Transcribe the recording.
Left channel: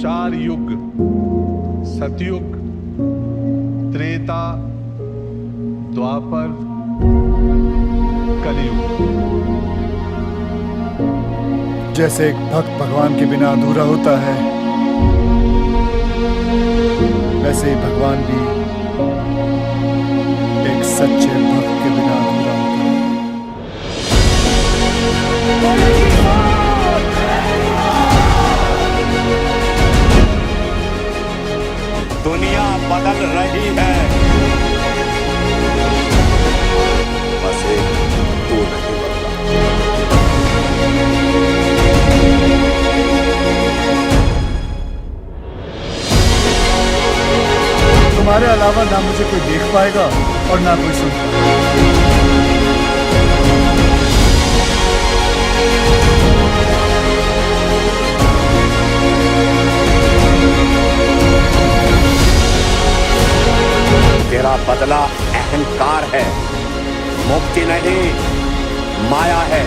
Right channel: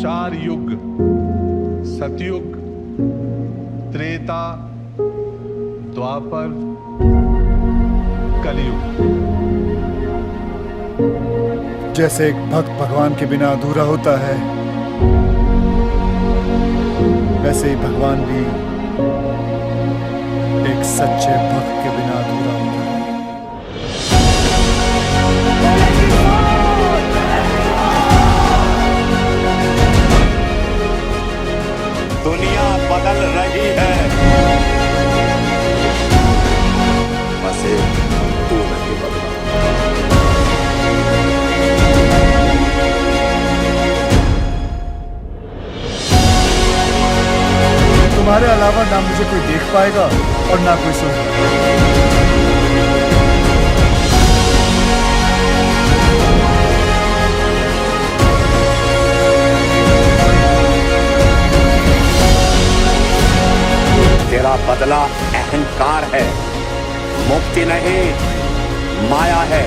चार युग, सतयुग, त्रेता, द्वापर, कलयुग। जैसे एक भक्त भगवान के बिना अधूरा होता है, वैसे ही भगवान भी एक सच्चे भक्त के बिना अधूरा होता है। दुनिया बदल रही है, बस एक तू नहीं बदला। तुम्हारे अलावा ना मुझे कोई देख पाएगा और ना कोई सुन पाएगा। तेरा बदला अहंकार है, मुक्ति नहीं, माया है।